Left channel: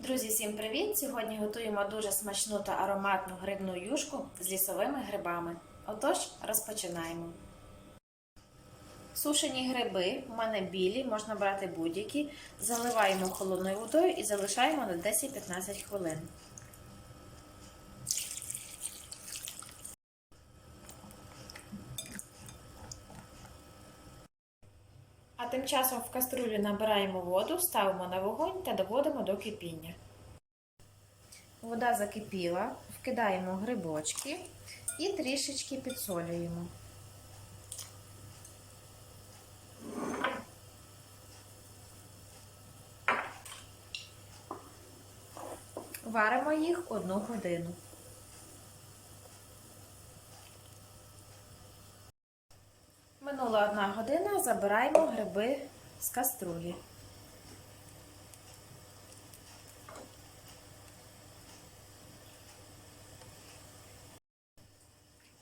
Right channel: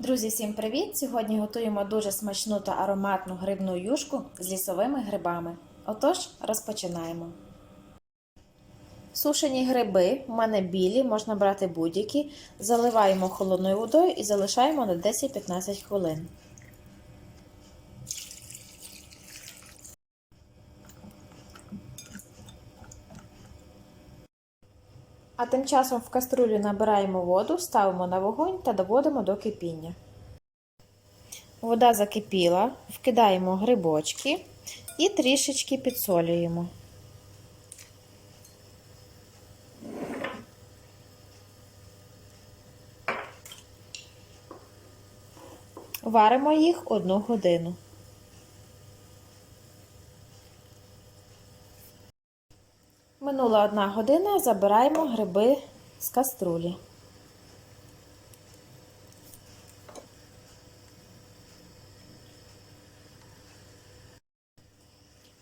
Друзі, всім привіт! Сьогодні готуємо дуже смачну та ароматну грибну юшку з лісовими грибами. Отож, розпочинаємо. Сушені гриби, у мене білі, можна брати будь-які. Заливаємо холодною водою і залишаємо на 10-15 хвилин. А тим часом в каструлю набираємо воду, ставимо на вогонь та доводимо до кипіння. Вода закипіла, вкидаємо грибочки і трішечки підсолюємо. Варимо їх одну годину. Минула одна година, забираємо гриби з каструлі.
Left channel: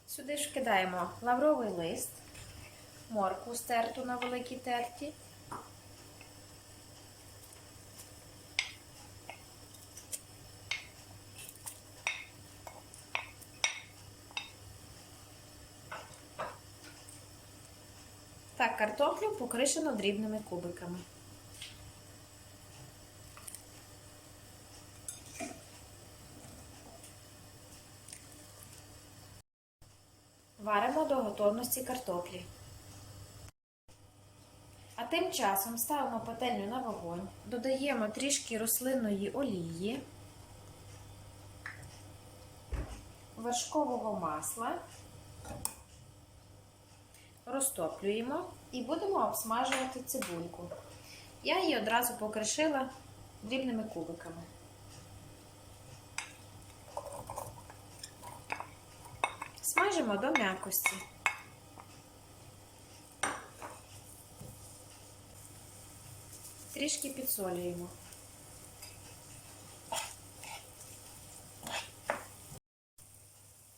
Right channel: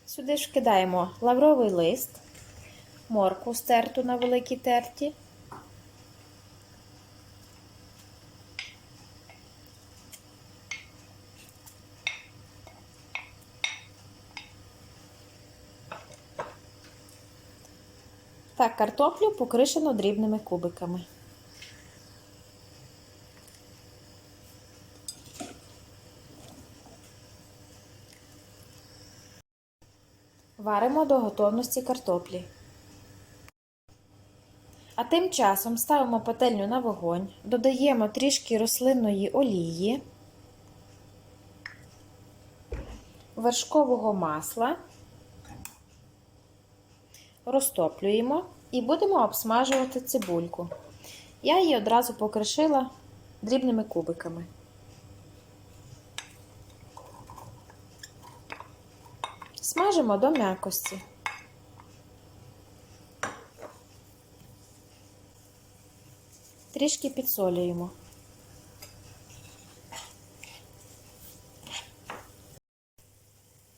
Сюди ж кидаємо лавровий лист, моркву стерту на великій терті. Та картоплю покришено дрібними кубиками. Варимо до готовності картоплі. А тим часом ставимо пательню на вогонь, додаємо трішки рослинної олії, вершкового масла розтоплюємо і будемо обсмажувати цибульку. Я її одразу покришила дрібними кубиками. Смажимо до м'якості. Трішки підсолюємо.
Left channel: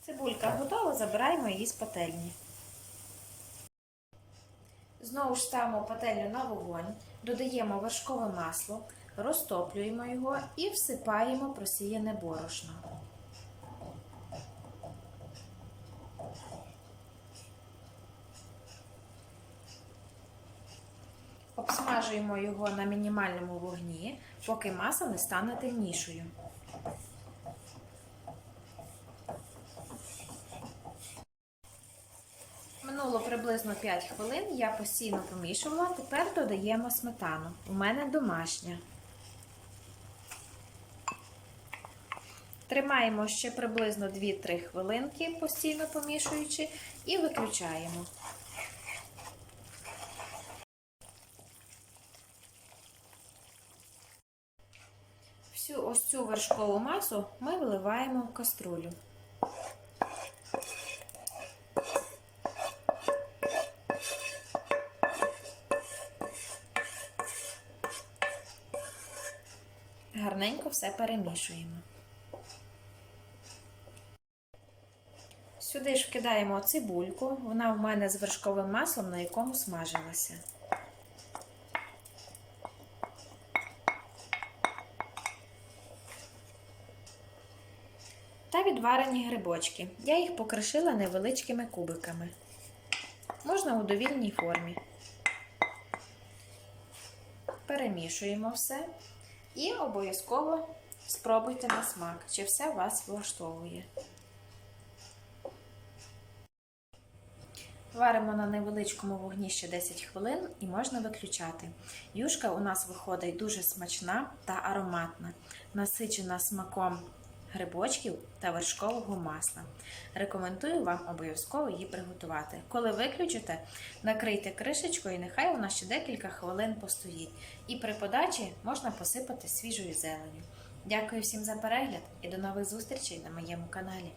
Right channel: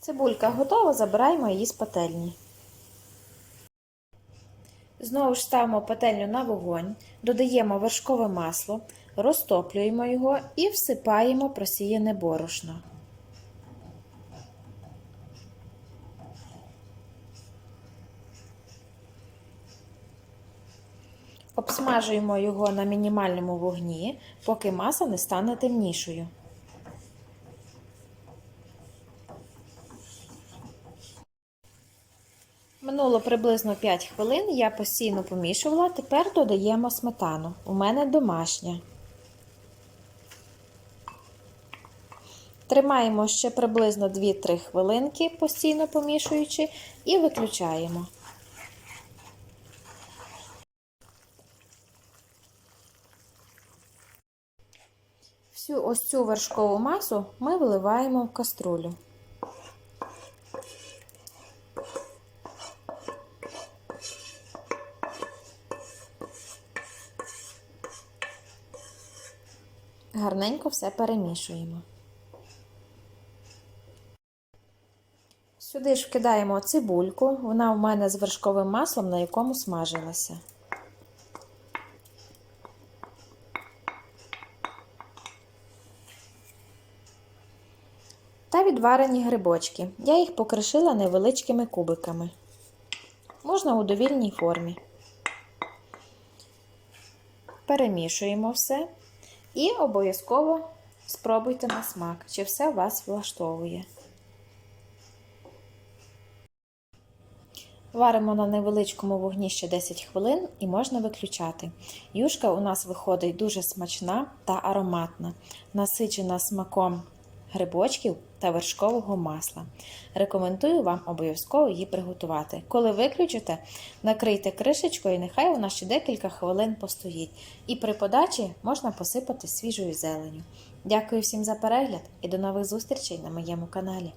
Цибулька готова, забираємо її з пательні. Знову ж ставимо пательню на вогонь, додаємо вершкове масло, розтоплюємо його і всипаємо просіяне борошно. Обсмажуємо його на мінімальному вогні, поки маса не стане темнішою. Минуло приблизно 5 хвилин, я постійно помішувала, тепер додаємо сметану. У мене домашня. Тримаємо ще приблизно 2-3 хвилинки, постійно помішуючи, і виключаємо. Всю ось цю вершкову масу ми виливаємо в каструлю. Гарненько все перемішуємо. Сюди ж вкидаємо цибульку, вона в мене з вершковим маслом, на якому смажилася. Та відварені грибочки. Я їх покришила невеличкими кубиками. Можна у довільній формі. Перемішуємо все. І обов'язково спробуйте на смак, чи все вас влаштовує. Варимо на невеличкому вогні ще 10 хвилин і можна виключати. Юшка у нас виходить дуже смачна та ароматна, насичена смаком грибочків та вершкового масла. Рекомендую вам обов'язково її приготувати. Коли виключите, накрийте кришечкою і нехай вона ще декілька хвилин постоїть. І при подачі можна посипати свіжою зеленю. Дякую всім за перегляд і до нових зустрічей на моєму каналі.